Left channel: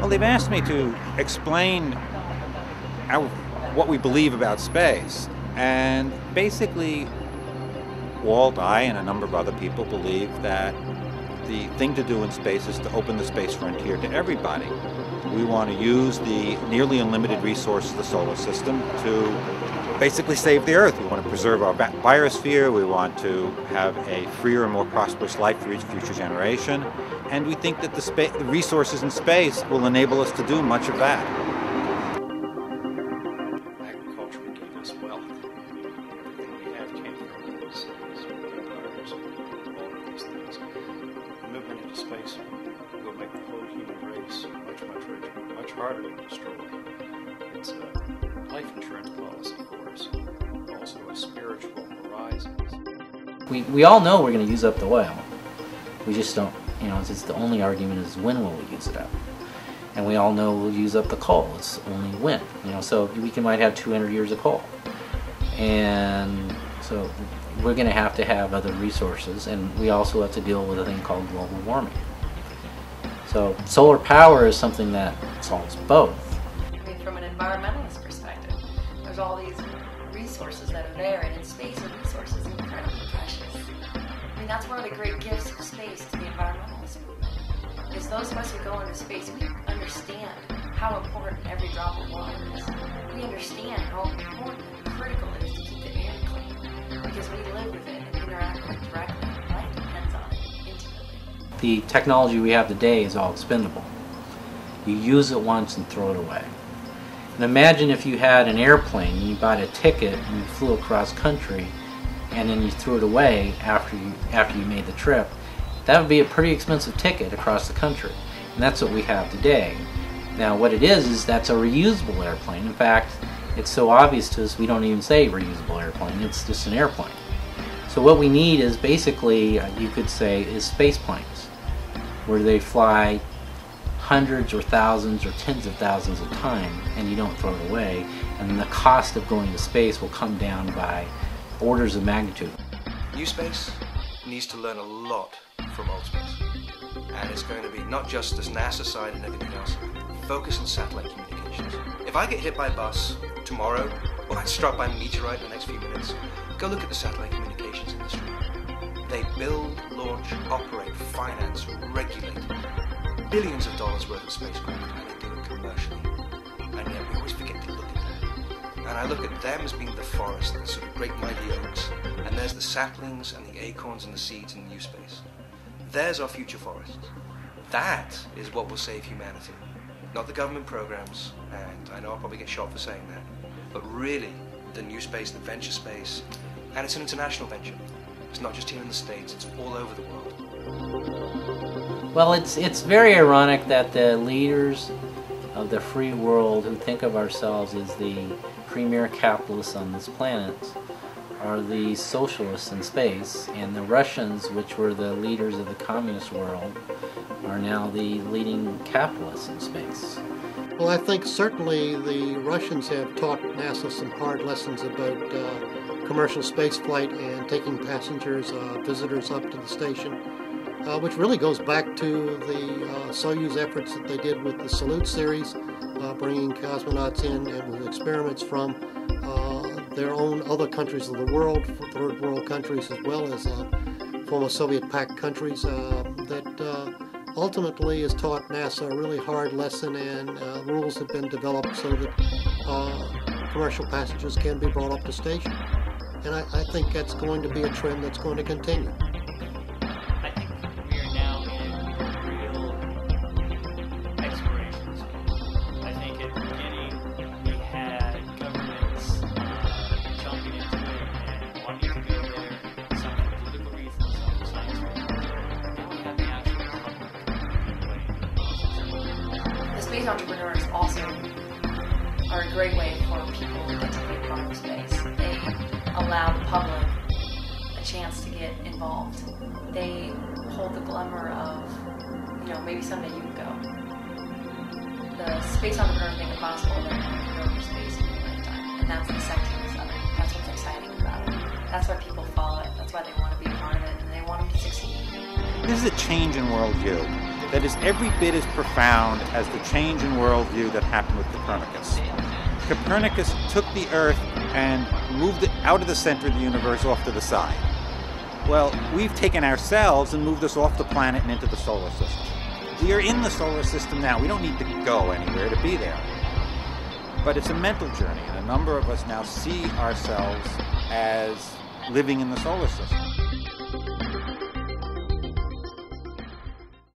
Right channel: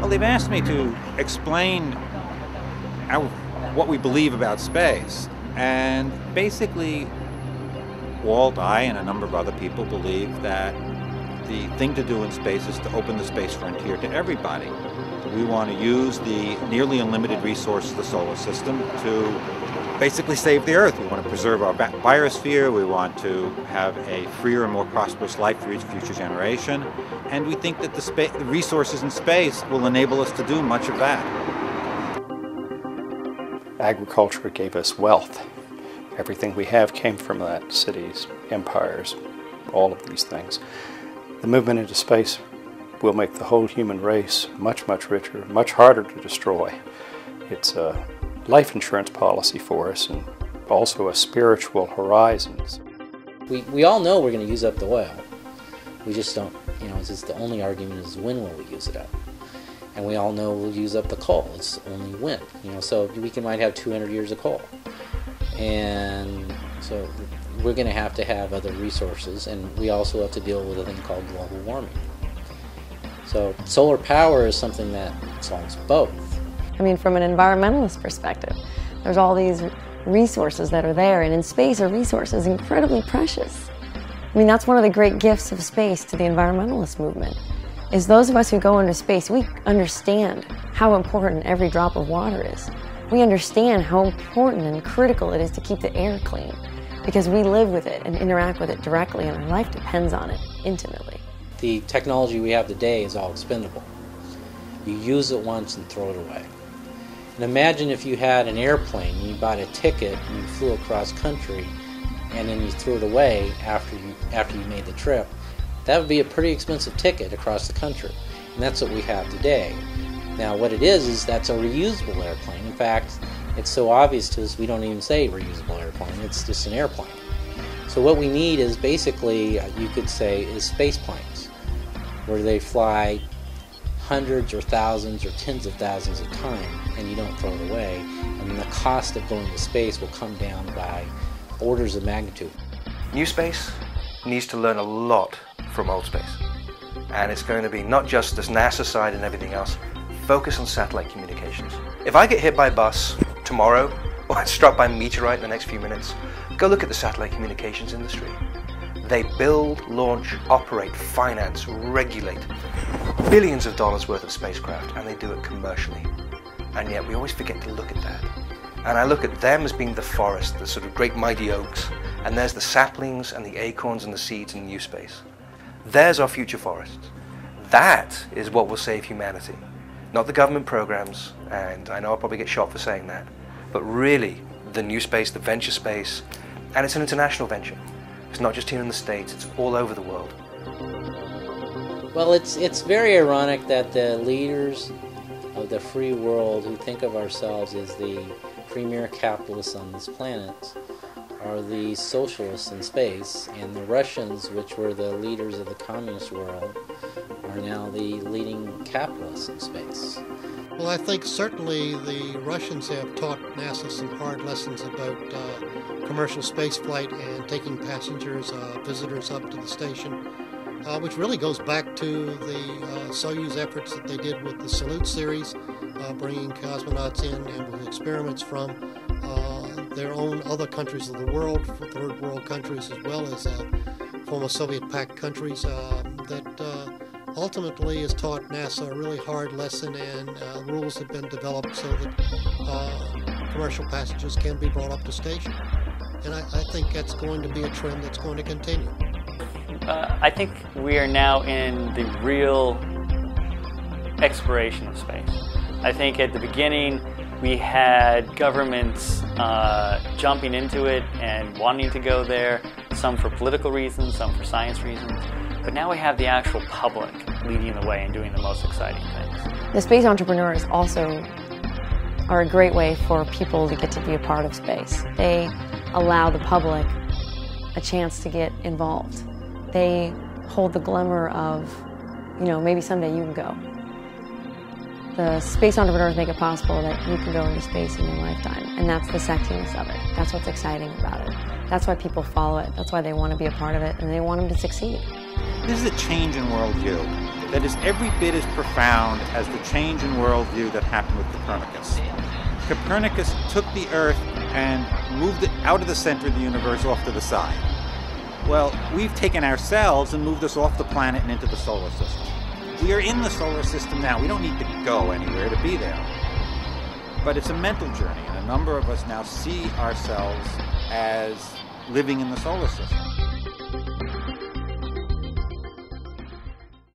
Well, they've asked me to explain what we believe about space. And basically, Walt, I, and a number of other people believe that the thing to do in space is to open the space frontier to everybody. We want to use the nearly unlimited resources of the solar system to basically save the Earth. We want to preserve our biosphere. We want to have a freer and more prosperous life for each future generation. And we think that the resources in space will enable us to do much of that. Agriculture gave us wealth. Everything we have came from that: cities, empires, all of these things. The movement into space will make the whole human race much, much richer, much harder to destroy. It's a life insurance policy for us, and also a spiritual horizons. We all know we're going to use up the oil. We just don't, it's just the only argument is when will we use it up. And we all know we'll use up the coal. It's only when. So we might have 200 years of coal. And so we're going to have other resources, and we also have to deal with a thing called global warming. So solar power is something that solves both. I mean, from an environmentalist perspective, there's all these resources that are there, and in space a resource is incredibly precious. I mean, that's one of the great gifts of space to the environmentalist movement, is those of us who go into space, we understand how important every drop of water is. We understand how important and critical it is to keep the air clean, because we live with it and interact with it directly, and our life depends on it intimately. The technology we have today is all expendable. You use it once and throw it away. And imagine if you had an airplane and you bought a ticket and you flew across country and then you threw it away after you made the trip. That would be a pretty expensive ticket across the country. And that's what we have today. Now what it is that's a reusable airplane. In fact, it's so obvious to us we don't even say reusable airplane. It's just an airplane. So what we need is basically, you could say, is space planes, where they fly hundreds or thousands or tens of thousands of times, and you don't throw it away. And the cost of going to space will come down by orders of magnitude. New space needs to learn a lot from old space. And it's going to be not just this NASA side and everything else, focus on satellite communications. If I get hit by a bus tomorrow, or I'm struck by a meteorite in the next few minutes, go look at the satellite communications industry. They build, launch, operate, finance, regulate billions of dollars worth of spacecraft, and they do it commercially. And yet we always forget to look at that. And I look at them as being the forest, the sort of great mighty oaks, and there's the saplings and the acorns and the seeds in new space. There's our future forests. That is what will save humanity. Not the government programs, and I know I'll probably get shot for saying that, but really the new space, the venture space, and it's an international venture. It's not just here in the States, it's all over the world. Well, it's very ironic that the leaders of the free world who think of ourselves as the premier capitalists on this planet are the socialists in space, and the Russians, which were the leaders of the communist world, are now the leading capitalists in space. Well, I think certainly the Russians have taught NASA some hard lessons about commercial spaceflight and taking passengers, visitors up to the station, which really goes back to the Soyuz efforts that they did with the Salute series, bringing cosmonauts in and with experiments from their own other countries of the world, third world countries as well as former Soviet-packed countries, that ultimately has taught NASA a really hard lesson, and rules have been developed so that commercial passengers can be brought up to station. And I think that's going to be a trend that's going to continue. I think we are now in the real exploration of space. I think at the beginning we had governments jumping into it and wanting to go there, some for political reasons, some for science reasons. But now we have the actual public leading the way and doing the most exciting things. The space entrepreneurs also are a great way for people to get to be a part of space. They allow the public a chance to get involved. They hold the glimmer of, maybe someday you can go. The space entrepreneurs make it possible that you can go into space in your lifetime, and that's the sexiness of it. That's what's exciting about it. That's why people follow it. That's why they want to be a part of it, and they want them to succeed. This is a change in worldview. that is every bit as profound as the change in worldview that happened with Copernicus. Copernicus took the Earth and moved it out of the center of the universe off to the side. Well, we've taken ourselves and moved us off the planet and into the solar system. We are in the solar system now. We don't need to go anywhere to be there. But it's a mental journey, and a number of us now see ourselves as living in the solar system.